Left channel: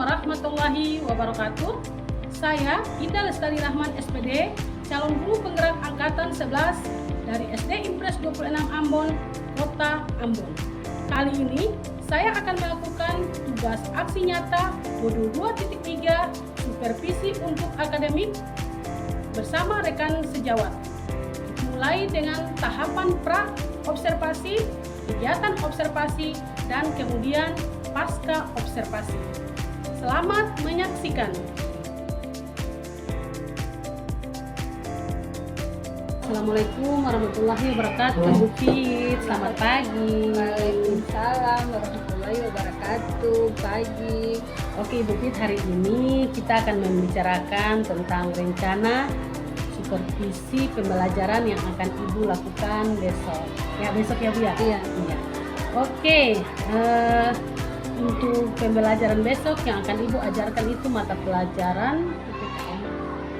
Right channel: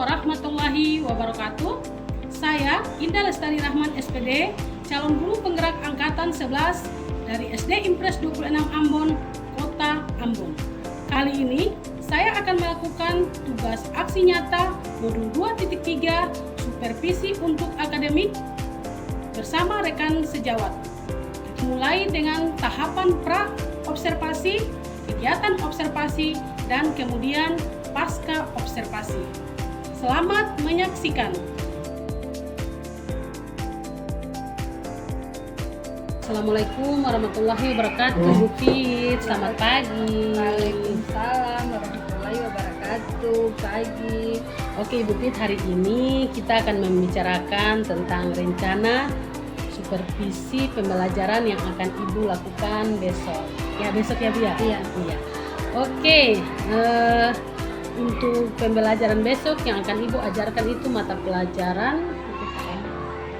warahmatullahi wabarakatuh. Saya Indah Lestari Rahman SPD, calon guru penggerak angkatan 11 dari SD Impres 26 Ambon, Kota Ambon. Kali ini saya akan melakukan tugas aksi nyata modul 2.3 supervisi untuk akademik bersama rekan sejawat. Mulai dengan tahapan pra-observasi, kegiatan observasi, dan kemudian pasca observasi. Selamat menyaksikan. Assalamualaikum warahmatullahi wabarakatuh. Bu Fit, selamat pagi. Waalaikumsalam warahmatullahi wabarakatuh. Pagi. Oke Bu Fit, hari ini kita akan membicarakan tentang rencana supervisi pembelajaran yang akan Ibu lakukan besok. Ya besok ya Bu ya? Iya. Oke, untuk pembelajaran besok yang akan Ibu ajarkan itu mata pelajaran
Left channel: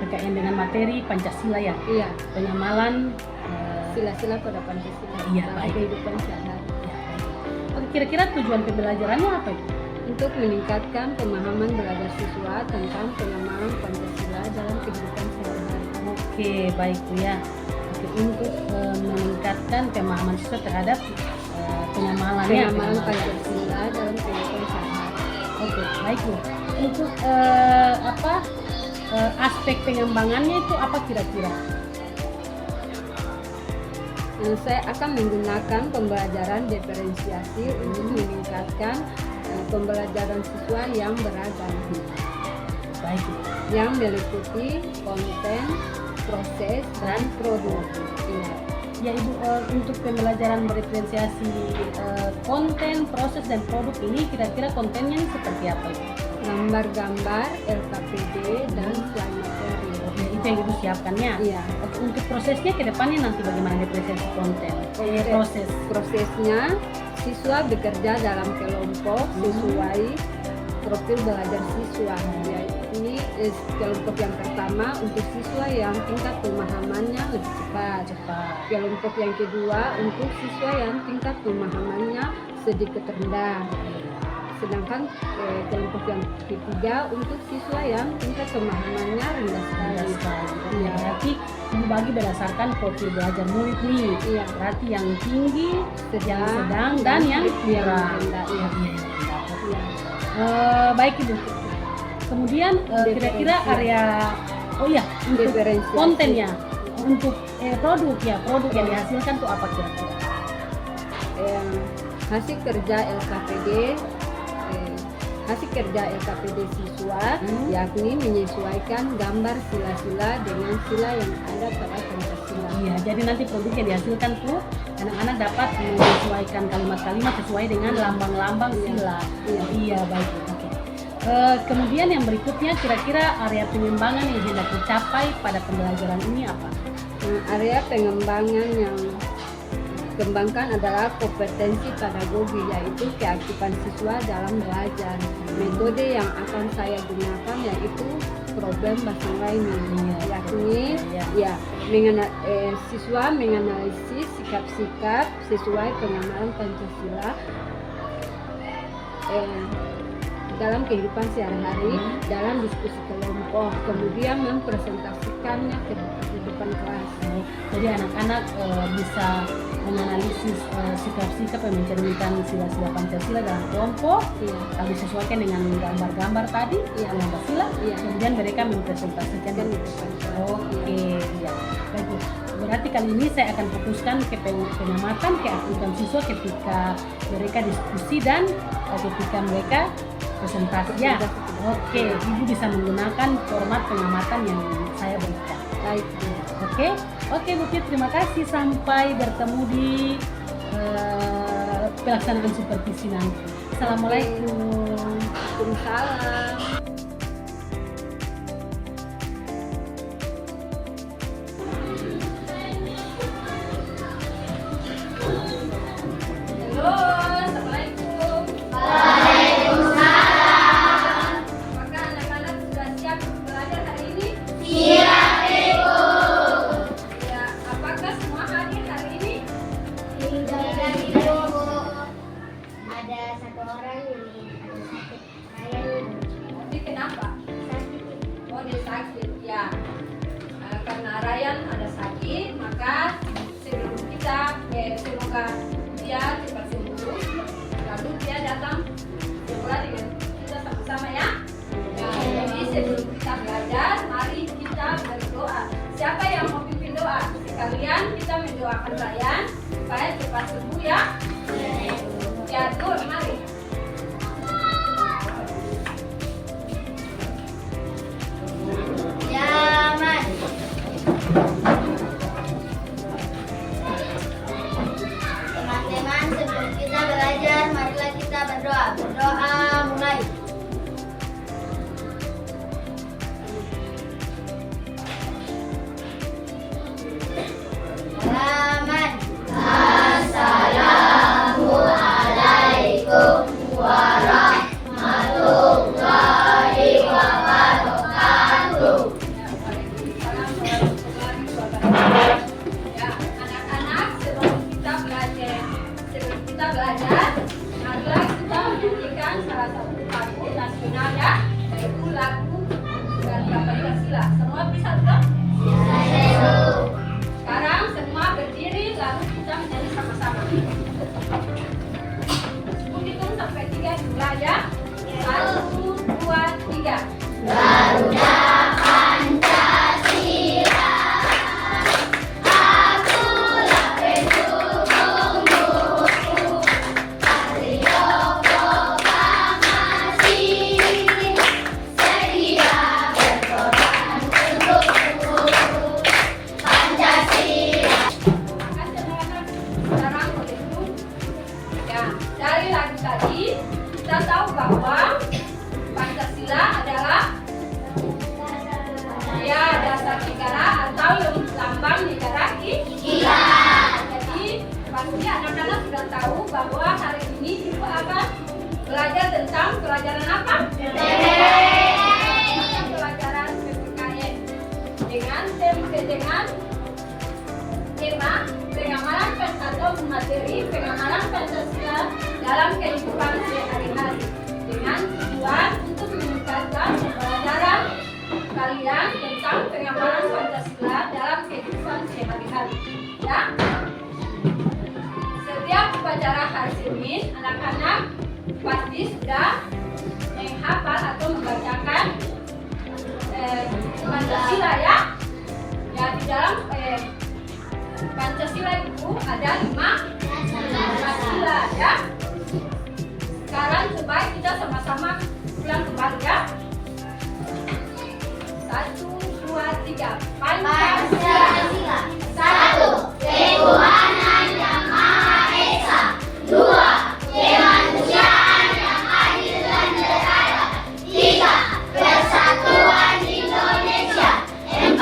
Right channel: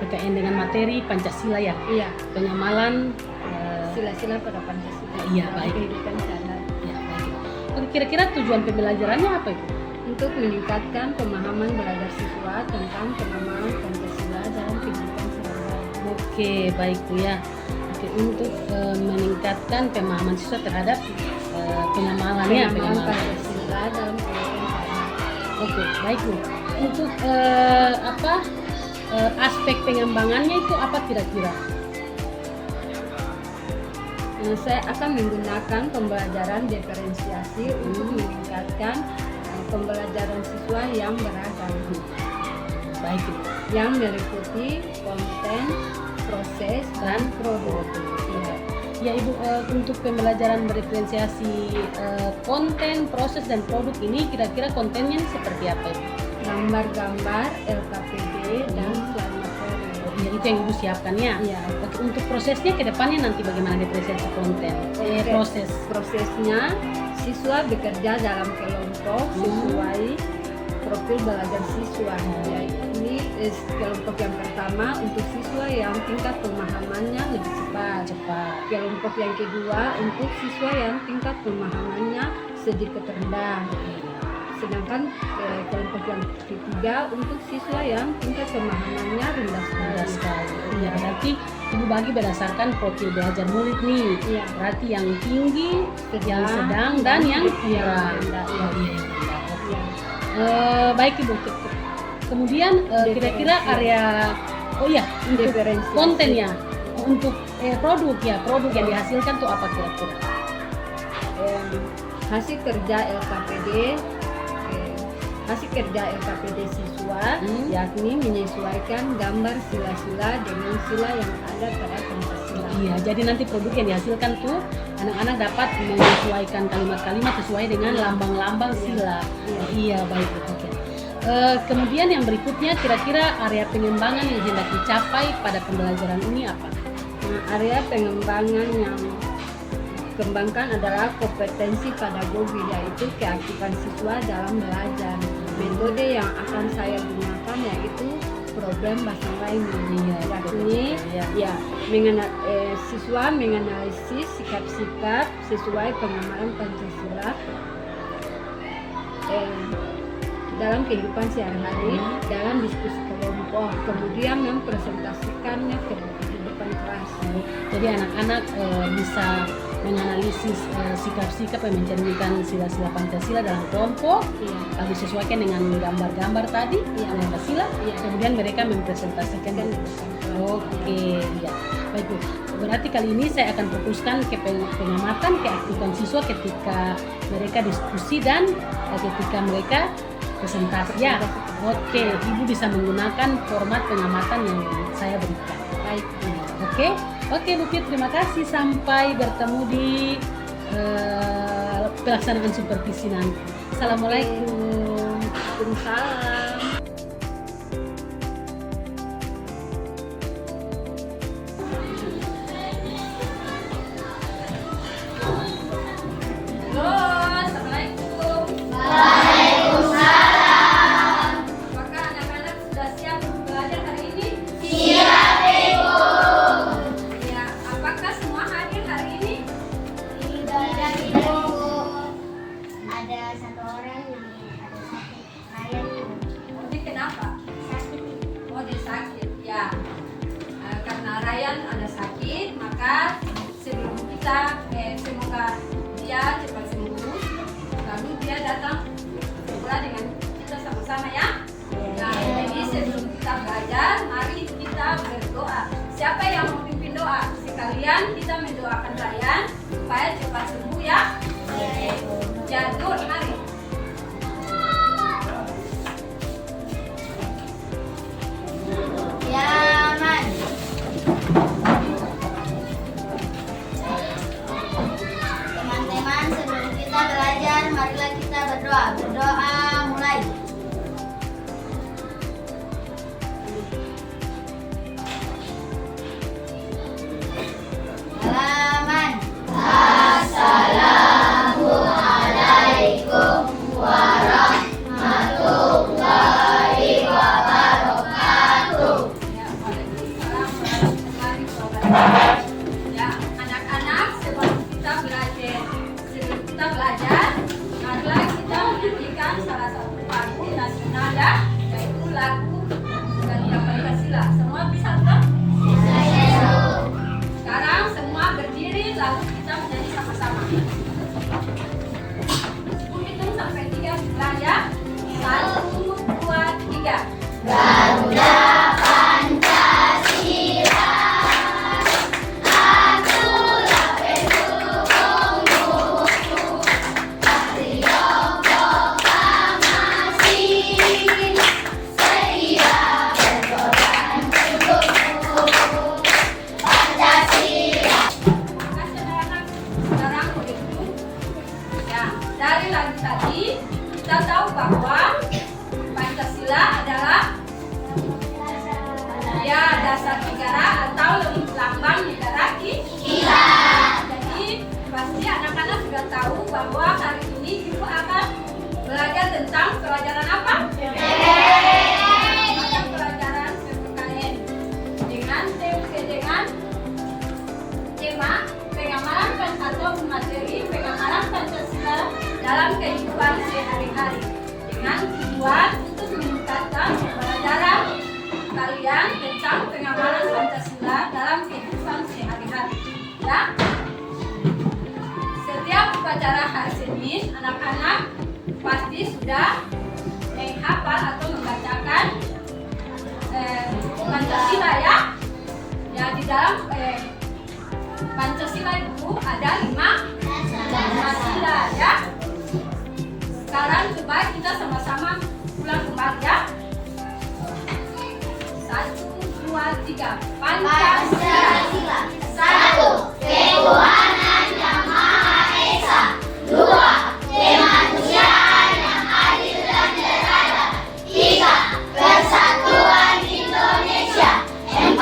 PKN dengan materi Pancasila ya? Iya. Penyamalan Sila-sila pada Pancasila. Iya, dalam baik. kehidupan sehari-hari. Ya, baik. Oke, kira-kira tujuan pembelajarannya apa itu? Untuk meningkatkan pemahaman belajar siswa tentang pengamalan Pancasila dalam kehidupan sehari-hari. Oke, baik Bu ya. Oke, untuk meningkatkan pemahaman siswa terhadap penyamalannya. Pengamalan Pancasila dalam kehidupan sehari-hari. Oke, baik Bu. Untuk aspek pengembangannya itu apa kira-kira? Saya akan menggunakan pembelajaran diferensiasi untuk meningkatkan pembelajaran siswa yang beragam. Baik Bu. Yang meliputi konten, proses, dan produk. Iya. Ya Ibu, untuk pembelajaran berdiferensiasi konten, proses, dan produk ini kira-kira kontennya seperti apa Ibu? Gambar-gambar, LKPD, dan slide materi. Oke, itu yang Ibu siapkannya? Iya. Oke, untuk prosesnya ke depannya nanti bagaimana diferensiasi konten? Oke. Prosesnya, siswa bekerja dalam kelompok sesuai profil belajar siswa. Ini kelompok yang pertama untuk siswa yang tingkat pemahamannya lebih cepat. Kelompok yang kedua untuk siswa yang tingkat pemahamannya sedikit rendah. Sedangkan kelompok yang ketiga untuk siswa yang tingkat pemahamannya rendah sekali. Iya, berarti Ibu bagi berdasarkan profil belajar murid nih. Iya. Berarti yang tinggi, yang sedang, dan yang kurang. rendah. Iya. Baik Ibu. Kemudian kira-kira area untuk Diferensiasi. kontennya, untuk produk yang dihasilkan tuh apa kira-kira? Hasil kerja LKPD siswa yakni menyesuaikan gambar sila-sila dengan sila yang ada pada Pancasila. Iya, jadi nanti produk yang dihasilkan tuh anak-anak dapat menyesuaikan kalimat-kalimat sesuai dengan lambang-lambang sila. Iya, baik. Oke. Kemudian yang berikutnya kira-kira area pengembangan yang hendak dicapai pada pembelajaran ini apa? Area pengembangan yang dikembangkan adalah kompetensi pedagogi, yaitu keaktifan siswa dalam belajar. Metode yang akan saya gunakan yaitu problem based learning, yakni siswa menganalisis sikap-sikap sesuai pengamalan Pancasila dalam kehidupan sehari-hari dalam diskusi kelompok, kemudian mempresentasikannya ke kehidupan kelas. Jadi anak-anak bisa menganalisis sikap-sikap yang mencerminkan sila-sila Pancasila dalam kelompok, lalu sesuaikan dengan gambar-gambar tadi, Pancasila, kemudian mereka mempresentasikan. Oke, iya. Baik, berarti kali ini saya akan fokuskan ke pengamatan keaktifan siswa ketika mereka diskusi dan ketika mereka presentasi. Ya, oke, Ibu bisa menggunakan format pengamatan yang saya berikan. Baik, oke Bu Fit, terima kasih. Sampai bertemu di pelaksanaan supervisi nanti. Assalamualaikum. Waalaikumsalam. Ada satu orang yang ada sakit. Saya Jadi sudah menghafal atau membacakan Pancasila ya. Ya di dalam Pancasila itu ada 5 Pancasila ya. Sekarang coba kita sama-sama ulang kembali ya. 1, 2, 3. Pancasila. 1. Ketuhanan yang Maha Esa. 2. Kemanusiaan yang adil dan beradab. 3. Persatuan Indonesia. 4.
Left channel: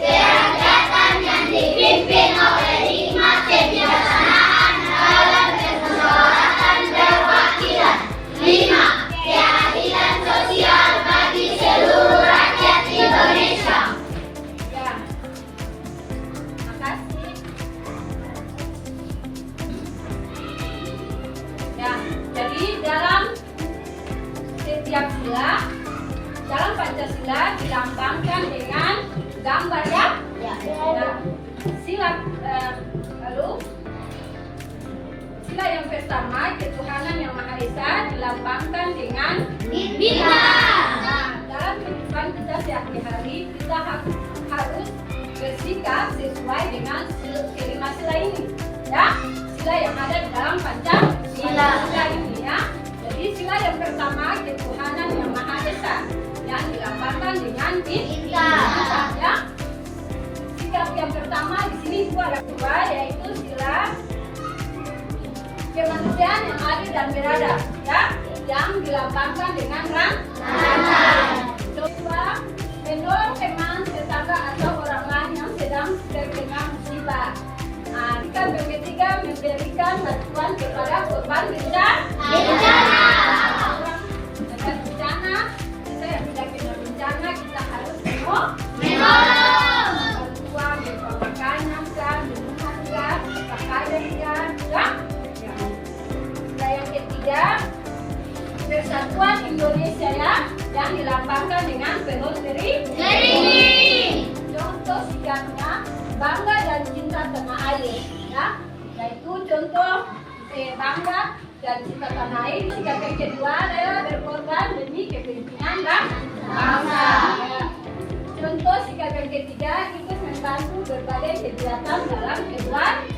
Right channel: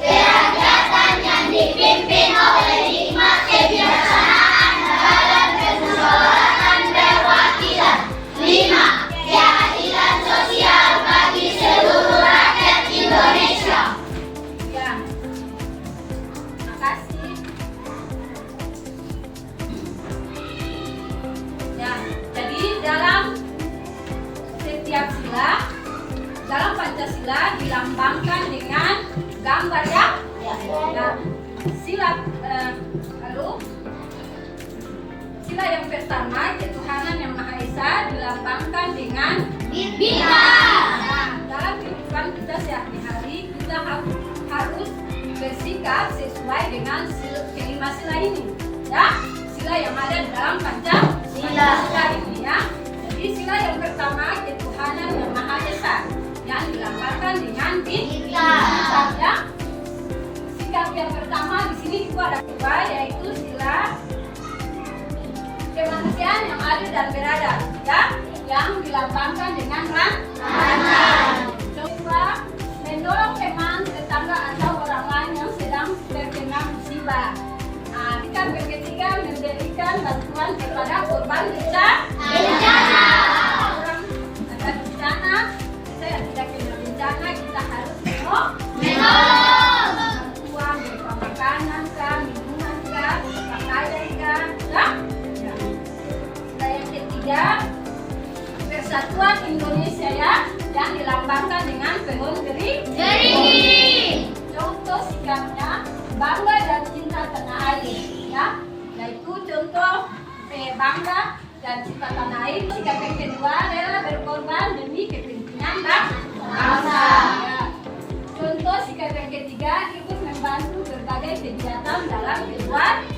Kerakyatan yang dipimpin oleh hikmat kebijaksanaan dalam kemusyawaratan perwakilan. 5. Keadilan sosial bagi seluruh rakyat Indonesia. Ya. Terima kasih. Ya, jadi dalam setiap sila, dalam Pancasila dilambangkan dengan gambar ya. Ya. Sila lalu sila yang pertama ketuhanan yang Maha Esa dilambangkan dengan Bintang. Nah, dalam kehidupan kita sehari-hari kita harus bersikap sesuai dengan kelima sila ini ya. Sila yang ada di dalam Pancasila ini ya. Jadi sila yang pertama ketuhanan yang Maha Esa yang dilambangkan dengan bintang ya. Sikap yang pertama di sini juga ada dua, yaitu sila kemanusiaan yang adil dan beradab ya, yang dilambangkan dengan rantai. Coba menolong teman, tetangga atau orang lain yang sedang terkena musibah. Nah, kita berketiga memberikan bantuan kepada korban bencana. Orang ada bencana, kita yang tidak kena bencana kita harus Menolong. bantuan berupa makanan kah, minuman kah, pakaian kah, ya. Nah, yang ketiga Persatuan Indonesia ya, yang dilambangkan dengan pohon beringin. Contoh sikapnya bangga dan cinta tanah air ya, yaitu contoh bangga dan cinta tanah air. Sikap yang kedua rela berkorban demi kepentingan bangsa ya. Contoh sikap yang ketiga ikut membantu berbagai kegiatan dalam keluarga.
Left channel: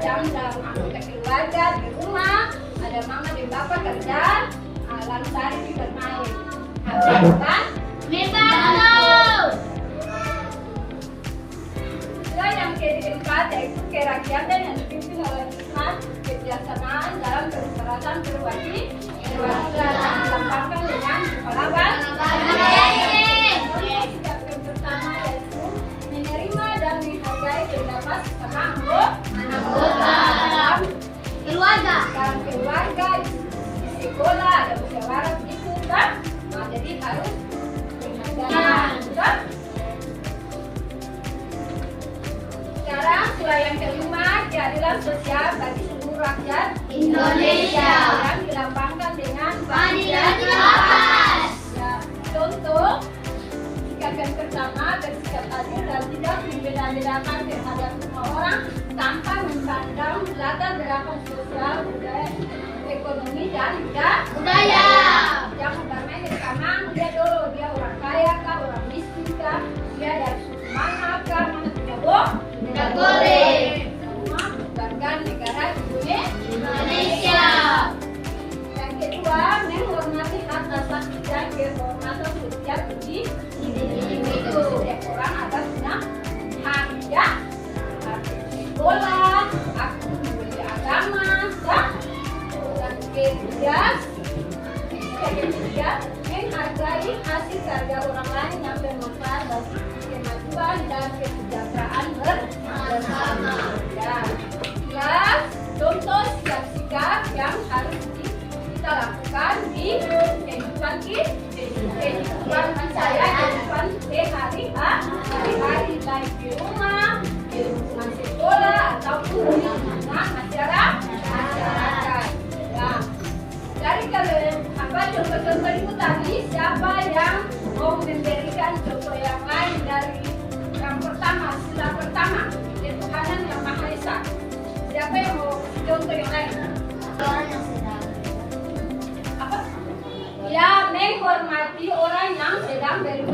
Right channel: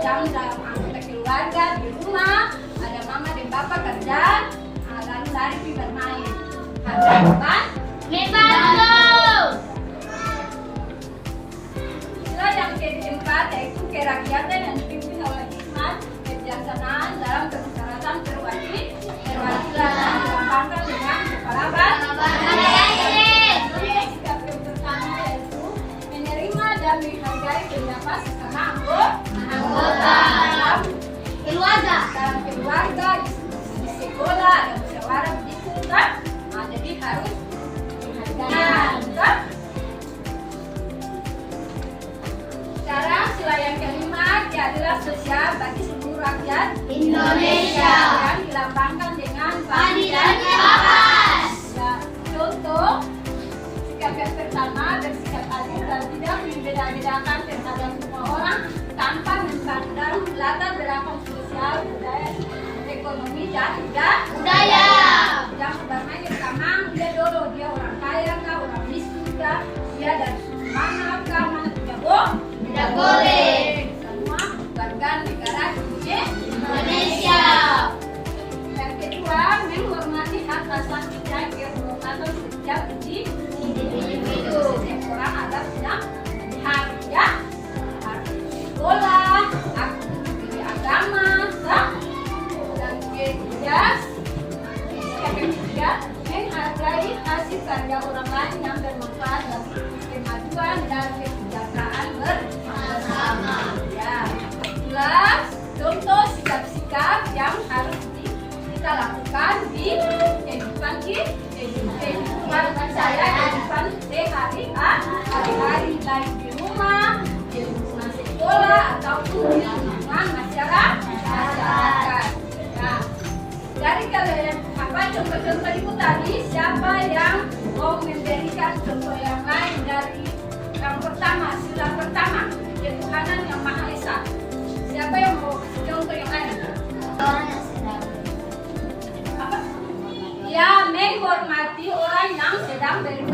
Jam dalam anggota keluarga di rumah ada mama dan bapak kerja, lalu lari pergi bermain. Ada beban. Sila yang keempat yaitu kerakyatan yang dipimpin oleh hikmat kebijaksanaan dalam kemusyawaratan perwakilan yang dilambangkan dengan kepala sikap yang pertama yaitu menerima dan menghargai pendapat sesama anggota dalam keluarga, di sekolah ada musyawarah begitu kan? Nah, jadi harus menghargai kan? Sekarang sila yang kelima keadilan sosial bagi seluruh rakyat Indonesia. yang dilambangkan dengan Pancasila. Ya, contoh sikap yang pertama bersikap adil dan tidak membeda-bedakan terhadap semua orang tanpa memandang latar belakang sosial, budaya, ekonomi dan Budaya. Jangan bermain bersama dia dulu, dia orang kaya kah, orang miskin kah, dia dari suku mana kah, mana tidak boleh. Semua warga negara Indonesia. Yang kedua, menghormati hak asasi dan kehormatan setiap individu. Setiap orang ada punya hak ya, hak sekolah, hak memilih agama, ya. Dan ketiga, menghargai hasil karya orang lain yang bermanfaat bagi kemajuan dan kesejahteraan bersama. Ya. Jelas, contoh sikap-sikap yang harus kita lakukan di kehidupan saya, kehidupan sehari-hari, baik di rumah, di lingkungan sekolah ataupun di lingkungan masyarakat. Ya. Dari contoh-contoh itu tadi, siapa yang mau memberikan contoh yang lain dari yang pertama, sila pertama, ketuhanan yang Maha Esa? Siapa yang mau contoh yang lain?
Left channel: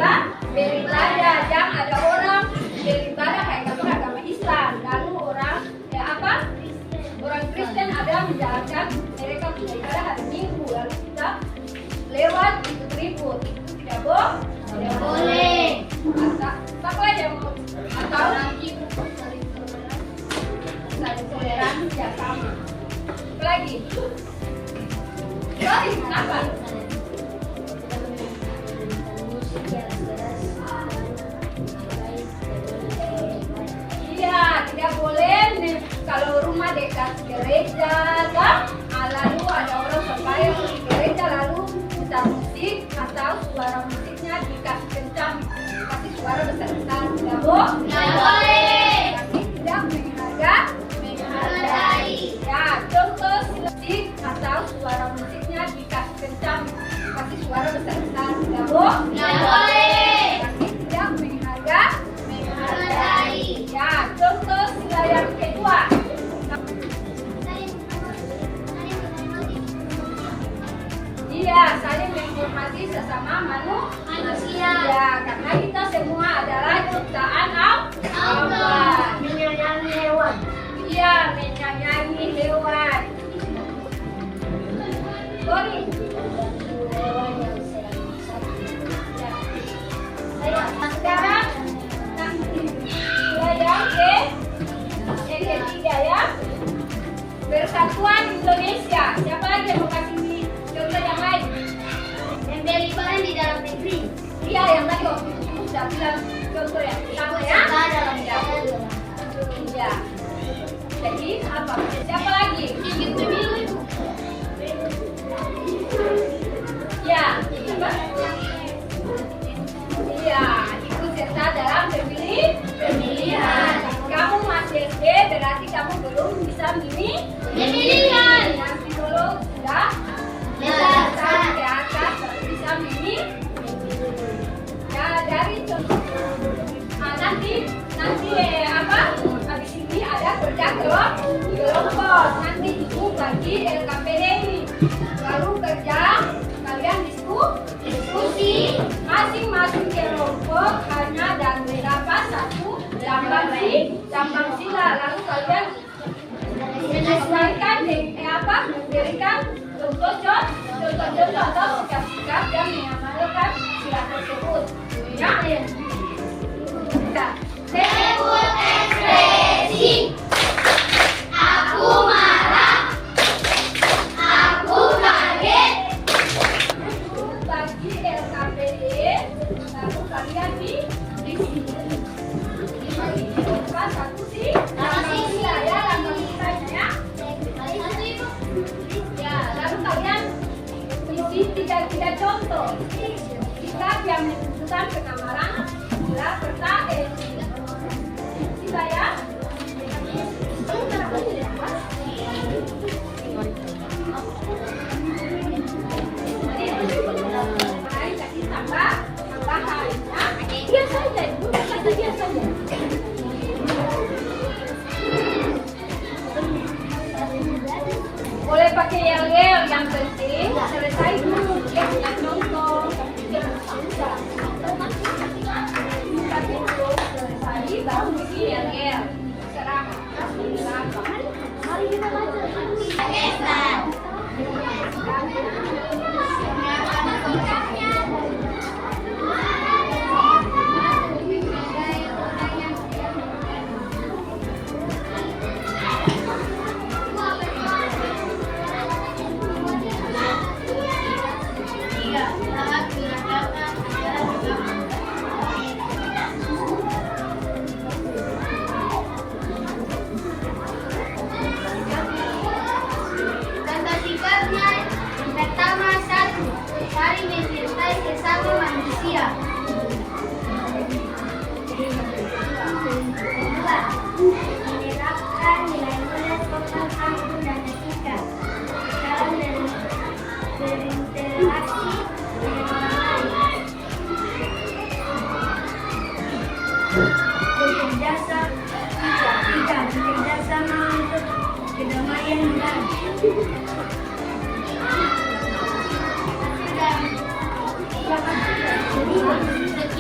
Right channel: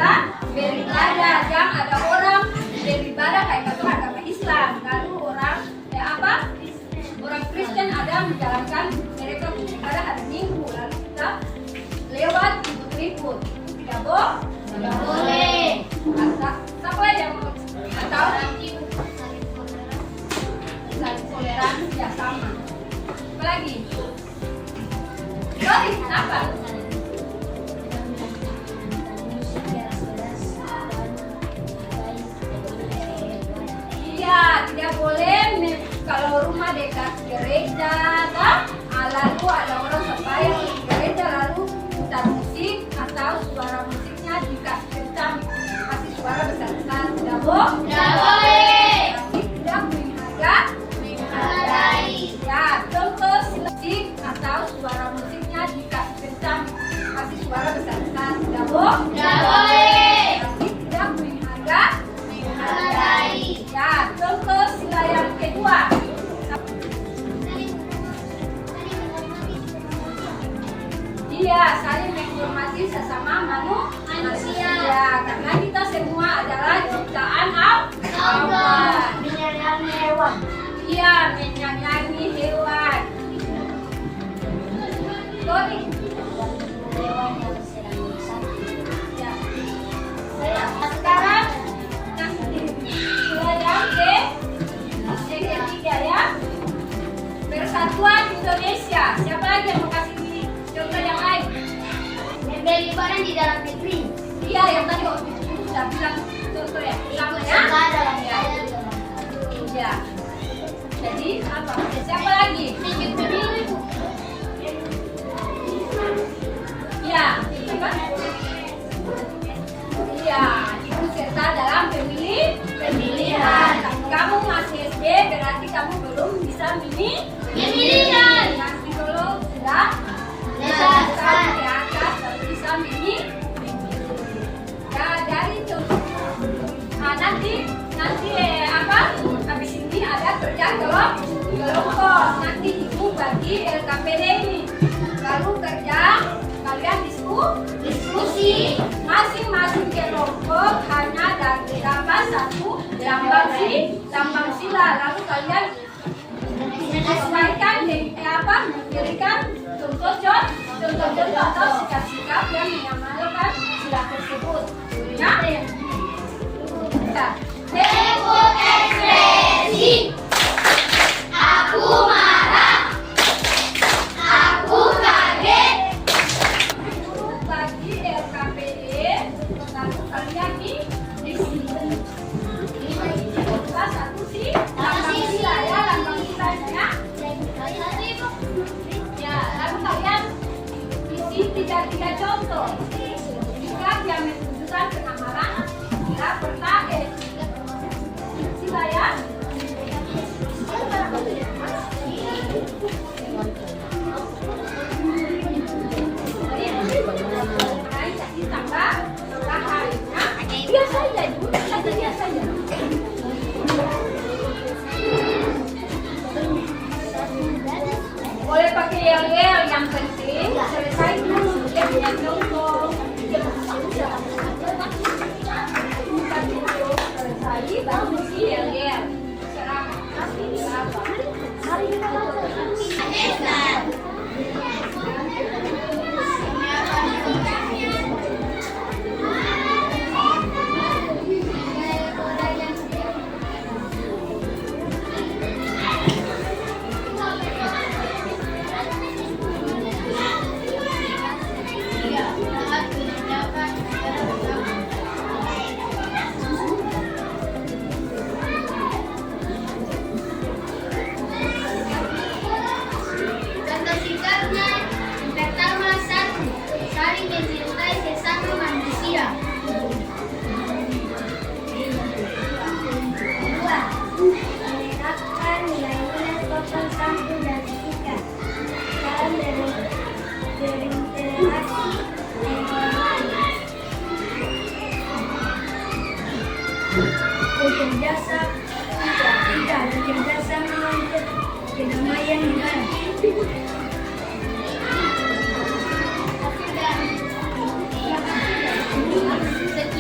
kita beribadah. Jangan ada orang beribadah kayak kata agama Islam, lalu orang orang Kristen ada menjalankan mereka beribadah hari Minggu, lalu kita lewat ikut-ikut. Tidak boleh. Siapa yang mau atau saling toleransi ya sama. Apalagi? Sorry, apa? Iya, tidak boleh kalau rumah dekat gereja, lalu ada orang sampai yang di gereja lalu putar musik atau suara musiknya dikasih kencang, kasih suara besar-besar. Tidak boleh. Berarti tidak menghargai. Ya, contoh musik atau suara musiknya dikasih kencang, kasih suara besar-besar. Tidak boleh. Berarti tidak menghargai. Ya, contoh sila yang kedua. Iya, saling menghormati sesama manusia. Karena kita semua adalah ciptaan Allah. Menyayangi hewan. Iya, menyayangi hewan. Sorry. Ya. Sekarang sila yang ketiga ya. Persatuan Indonesia. Siapa lagi yang mau kasih contoh yang lain? Yang beli barang di dalam negeri. Iya, yang tadi waktu itu sudah bilang contoh ya. Sama ya. Iya. Jadi apa? Siapa lagi? Ikut pemilu itu. Ya. Apa? Iya, ikut serta dalam pemilihan. Kamu masih SD berarti kamu belum bisa Pemilihan. Nanti dulu sudah tahun ke atas baru bisa ya dari contoh. Nah, nanti habis ini ada kerja kelompok. Nanti ibu bagi LKPD ini. Lalu kerja kalian diskusi. Masing-masing kelompok hanya dapat satu lambang sila. Lalu kalian sesuaikan memberikan contoh-contoh atau sikap-sikap yang mengamalkan sila tersebut. Ya? Kita Sebut ekspresi. Aku marah. Aku kaget. bagi LKPD, lalu kalian di sini. Bukan satu sih, lambang sila ya, lambang silanya. Ya, lalu kalian isi tiga contoh. Jika dia menunjukkan pengamalan sila pertama. Sila ya. Boleh pakai yel-yel, yang penting selesai dulu dia punya contoh. Selesai baru isi yel-yel. Contoh sikapnya yang pertama, 1. Saling mencintai sesama manusia. 2. Menerapkan nilai-nilai sopan santun dan etika dalam berinteraksi dengan orang lain. Bekerjasama untuk kedamaian negara. Sekian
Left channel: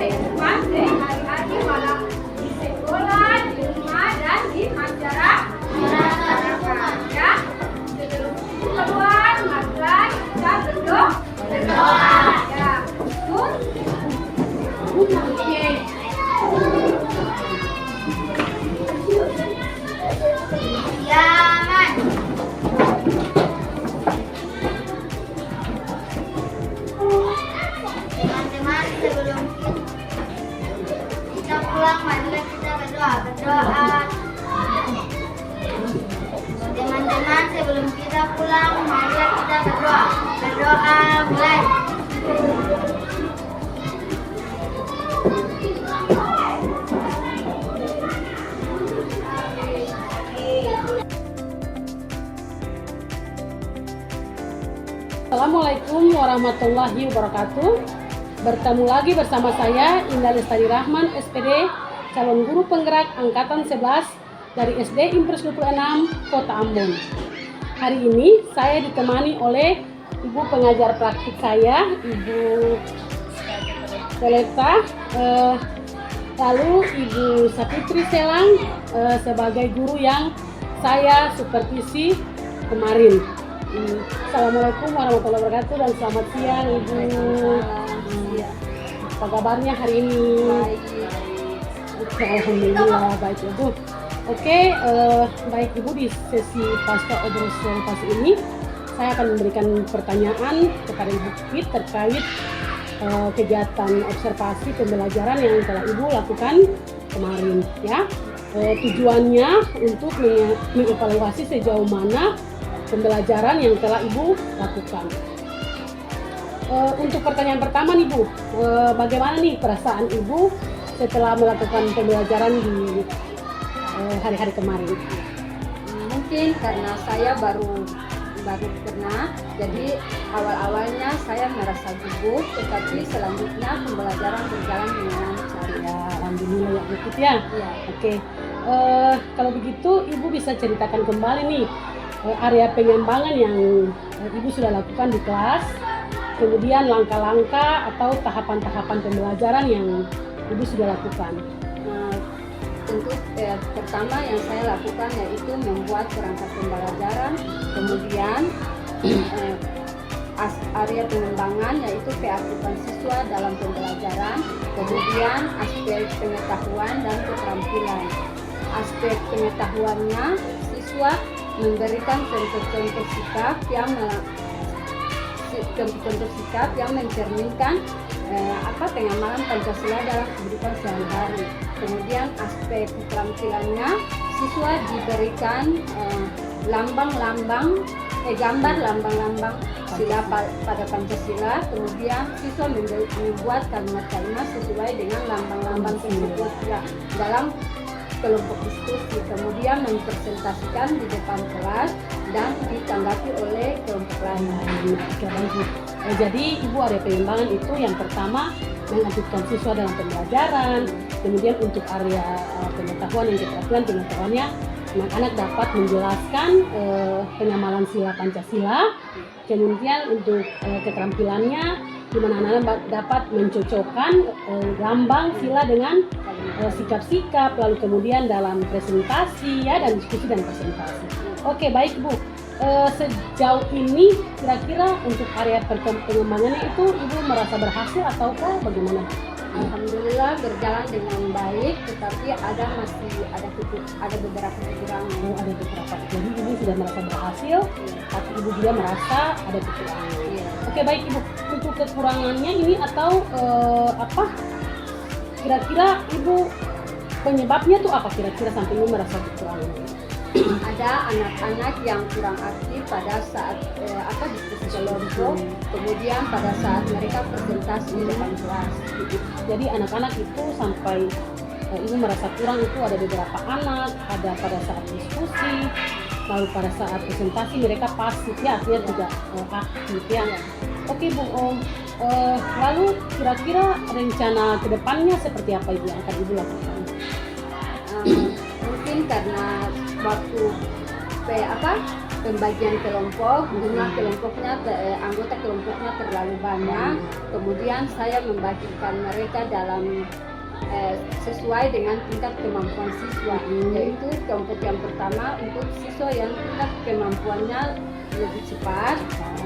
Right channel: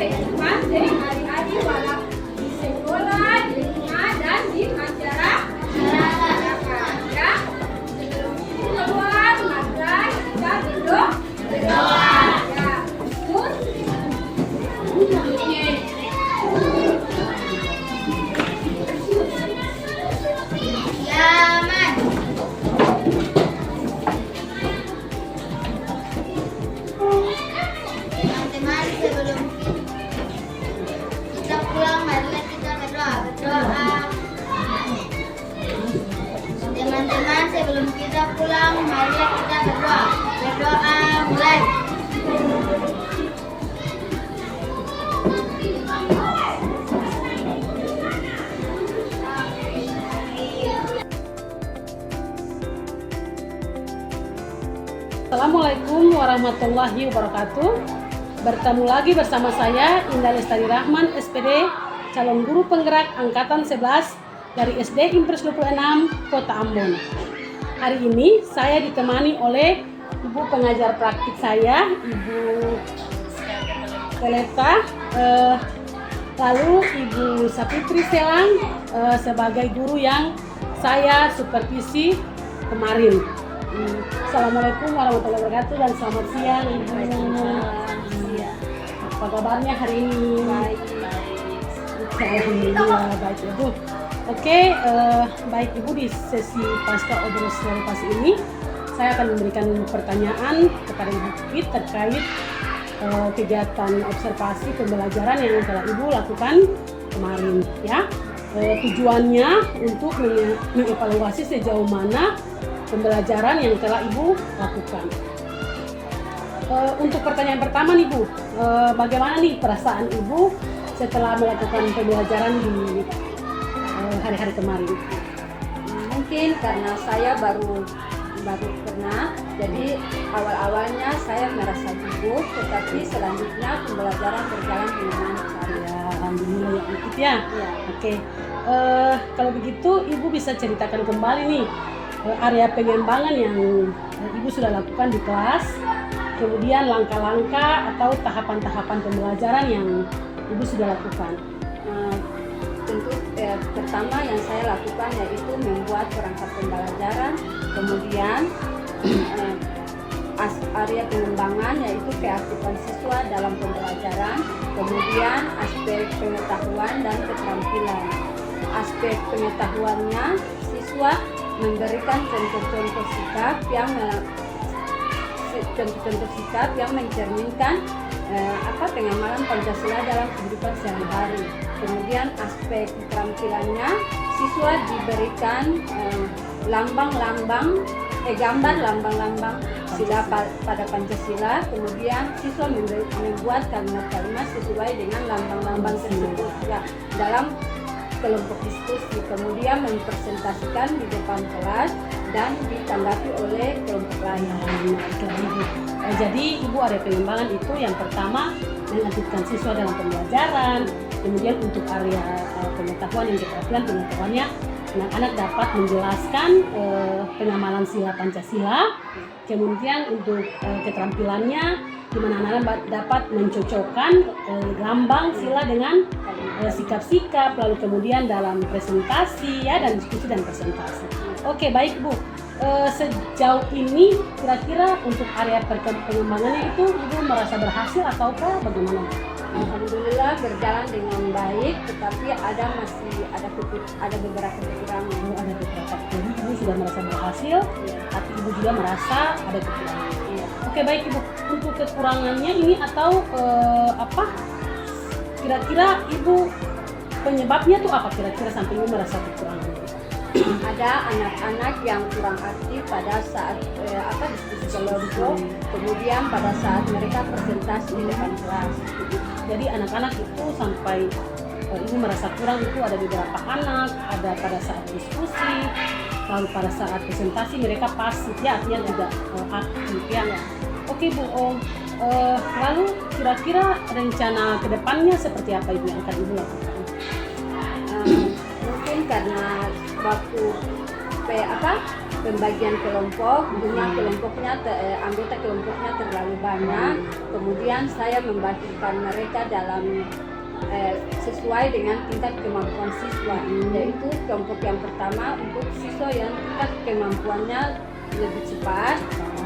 kehidupan sehari-hari walau di sekolah, di rumah, dan di masyarakat. Ya, sebelum keluar maka kita berdoa. Ya, betul. Yaman. Teman-teman, sebelum kita pulang, marilah kita berdoa. Teman-teman, sebelum kita pulang, marilah kita berdoa. Berdoa mulai. Assalamualaikum warahmatullahi wabarakatuh. Bertemu lagi bersama saya Indah Lestari Rahman, SPD, calon guru penggerak angkatan 11 dari SD Impres 26 Kota Ambon. Hari ini saya ditemani oleh ibu pengajar praktik saya, Ibu Teleta, lalu Ibu Sapitri Selang sebagai guru yang saya supervisi kemarin. Assalamualaikum warahmatullahi wabarakatuh dan selamat siang Ibu. Apa kabarnya hari ini? Baik. Alhamdulillah baik Ibu. Oke, baik Ibu, di sesi pasca obrol pasti ini saya akan memberikan pertanyaan kepada Ibu Pipit terkait kegiatan observasi pembelajaran yang telah Ibu lakukan kemarin ya. Tujuannya untuk mengevaluasi sejauh mana pembelajaran yang telah Ibu lakukan. Untuk pertanyaan pertama nih Bu, bagaimana nih perasaan Ibu setelah melakukan pembelajaran di hari-hari kemarin? Mungkin karena saya baru pernah, jadi awal-awalnya saya merasa gugup, tetapi selanjutnya pembelajaran berjalan dengan lancar. Ya, alhamdulillah ya Bu ya. Iya. Oke, kalau begitu Ibu bisa ceritakan kembali nih area pengembangan yang Ibu sudah lakukan di kelas, kemudian langkah-langkah atau tahapan-tahapan pembelajaran yang Ibu sudah lakukan. Tentu pertama yang saya lakukan yaitu membuat perangkat pembelajaran, kemudian area pengembangan yaitu keaktifan siswa dalam pembelajaran, kemudian aspek pengetahuan dan keterampilan. Aspek pengetahuannya, siswa memberikan contoh-contoh sikap yang mencerminkan pengamalan Pancasila dalam kehidupan sehari-hari. Kemudian aspek keterampilannya, siswa diberikan gambar lambang-lambang sila pada Pancasila. Kemudian siswa membuat kalimat-kalimat sesuai dengan lambang-lambang tersebut dalam kelompok diskusi, kemudian mempresentasikan di depan kelas dan ditanggapi oleh kelompok lain. Jadi Ibu area pengembangan itu yang pertama mengaktifkan siswa dalam pembelajaran, kemudian untuk area pengetahuan yang keterampilan pengetahuannya, anak-anak dapat menjelaskan pengamalan sila Pancasila, kemudian untuk keterampilannya di mana anak-anak dapat mencocokkan lambang sila dengan sikap-sikap, lalu kemudian dalam presentasi ya, dan diskusi dan presentasi. Oke, baik Bu. Sejauh ini kira-kira untuk area pengembangannya itu Ibu merasa berhasil ataukah bagaimana? Alhamdulillah berjalan dengan baik, tetapi ada beberapa kekurangan. Ada beberapa. Jadi Ibu sudah merasa berhasil, tapi Ibu juga merasa ada kekurangan. Iya. Oke, baik Ibu. Untuk kekurangannya ini atau kira-kira Ibu penyebabnya tuh apa kira-kira sampai Ibu merasa kekurangan? Ada anak-anak yang kurang aktif pada saat diskusi kelompok, kemudian pada saat mereka presentasi di depan kelas. Jadi anak-anak itu sampai Ibu merasa kurang itu ada beberapa anak, ada pada saat diskusi, lalu pada saat presentasi mereka pasif ya, artinya tidak aktif ya. Oke Bu, lalu kira-kira rencana kedepannya seperti apa Ibu yang akan Ibu lakukan? Mungkin karena waktu pembagian kelompok, jumlah kelompoknya, anggota kelompoknya terlalu banyak. Kemudian saya membagikan mereka dalam sesuai dengan tingkat kemampuan siswa, yaitu kelompok yang pertama untuk siswa yang tingkat kemampuannya lebih cepat,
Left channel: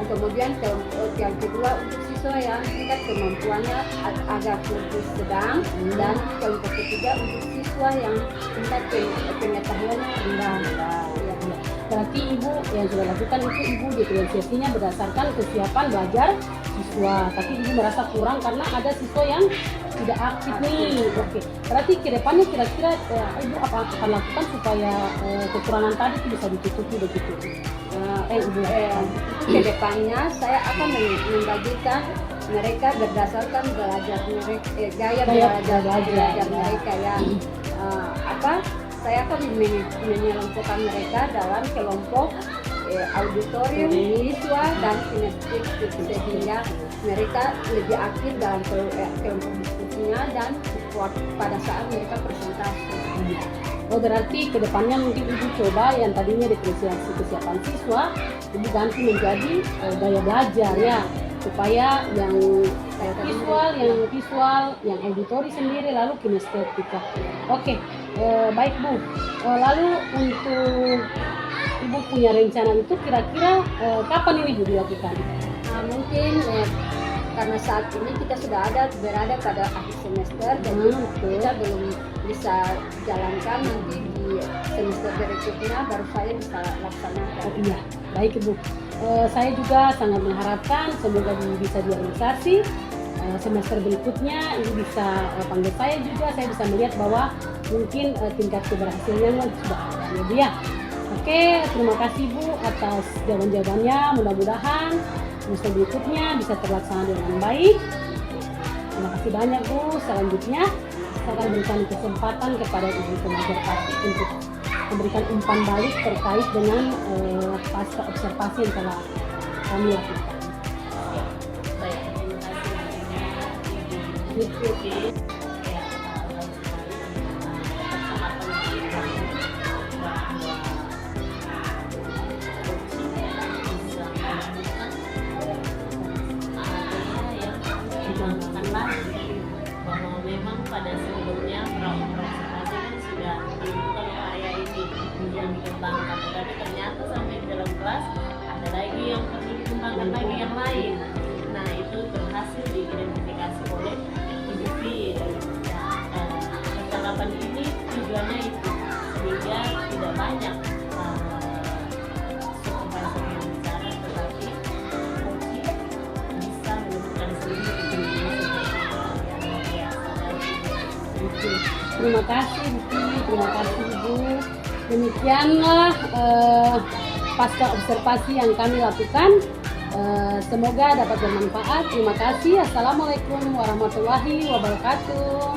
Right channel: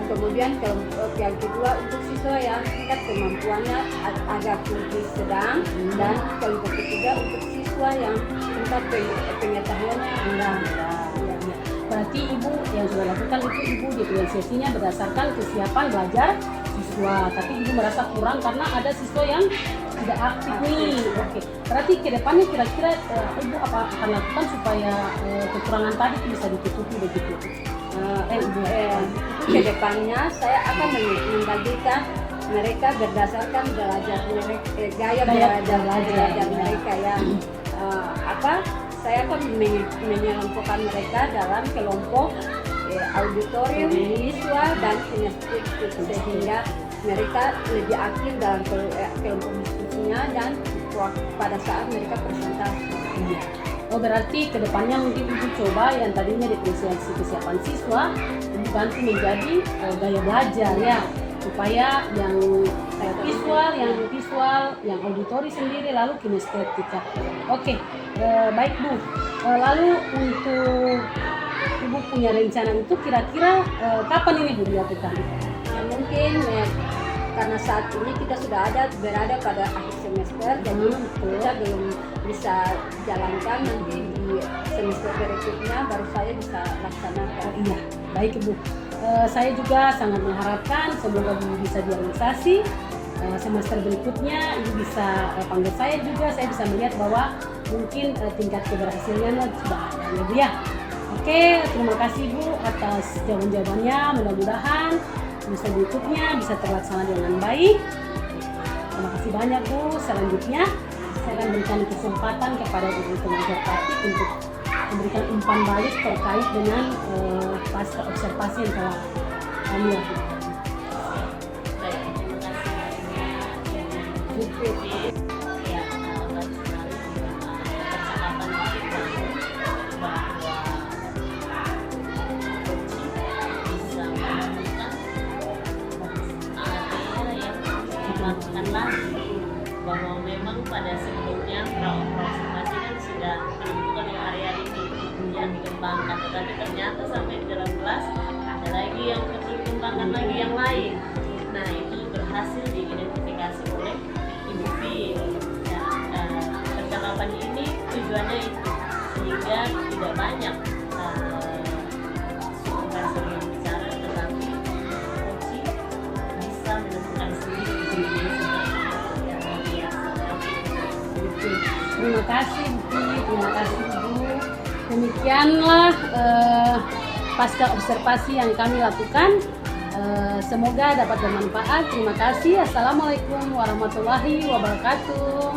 kemudian kelompok yang kedua untuk siswa yang tingkat kemampuannya agak lebih sedang, dan kelompok ketiga untuk siswa yang tingkat pengetahuannya rendah. Ya. Berarti Ibu yang sudah lakukan itu Ibu diferensiasinya berdasarkan kesiapan belajar siswa, tapi Ibu merasa kurang karena ada siswa yang tidak aktif nih. Oke. Berarti kedepannya kira-kira Ibu apa akan lakukan supaya kekurangan tadi bisa ditutupi begitu? Itu kedepannya saya akan membagikan mereka berdasarkan gaya belajar mereka ya. Saya akan menyelompokkan mereka dalam kelompok auditorium, visual, dan kinestetik, sehingga mereka lebih aktif dalam kelompok diskusinya dan pada saat mereka presentasi. Oh, berarti kedepannya mungkin Ibu coba yang tadinya diferensiasi kesiapan siswa, Ibu ganti menjadi gaya belajar ya, supaya yang visual, yang auditori sendiri, lalu kinestetika. Oke, baik Bu. Lalu untuk Ibu punya rencana itu kira-kira kapan ini Bu dilakukan? Mungkin karena saat ini kita sudah berada pada akhir semester, jadi kita belum bisa jalankan, nanti di semester berikutnya baru saya bisa laksanakan. Oh iya, baik Ibu. Saya juga sangat mengharapkan semoga Bu bisa direalisasi. Semester berikutnya Ibu bisa panggil saya juga, saya bisa melihat bahwa mungkin tingkat keberhasilannya sudah ada ya Bu ya. Oke, terima kasih Bu atas jawaban-jawabannya, mudah-mudahan semester berikutnya bisa terlaksana dengan baik. Terima kasih banyak Bu. Selanjutnya saya akan berikan kesempatan kepada Ibu pengajar praktik untuk memberikan umpan balik terkait dengan pasca observasi yang telah kami lakukan. Baik, terima kasih banyak Ibu Putri. Ya, baik sekali percakapan yang dibangun bahwa coaching bisa menemukan area yang dilakukan lagi, bahwa memang pada sebelumnya observasi kan sudah menemukan area ini yang dikembangkan, tetapi ternyata sampai di dalam kelas ada lagi yang perlu dikembangkan lagi yang lain. Nah, itu berhasil diidentifikasi oleh Ibu Pin. Nah, percakapan ini tujuannya itu sehingga tidak banyak supervisor yang bicara, tetapi coaching bisa menemukan sendiri seperti yang biasa. Terima kasih Bu, terima kasih Ibu. Demikianlah pasca observasi yang kami lakukan. Semoga dapat bermanfaat. Terima kasih. Assalamualaikum warahmatullahi wabarakatuh.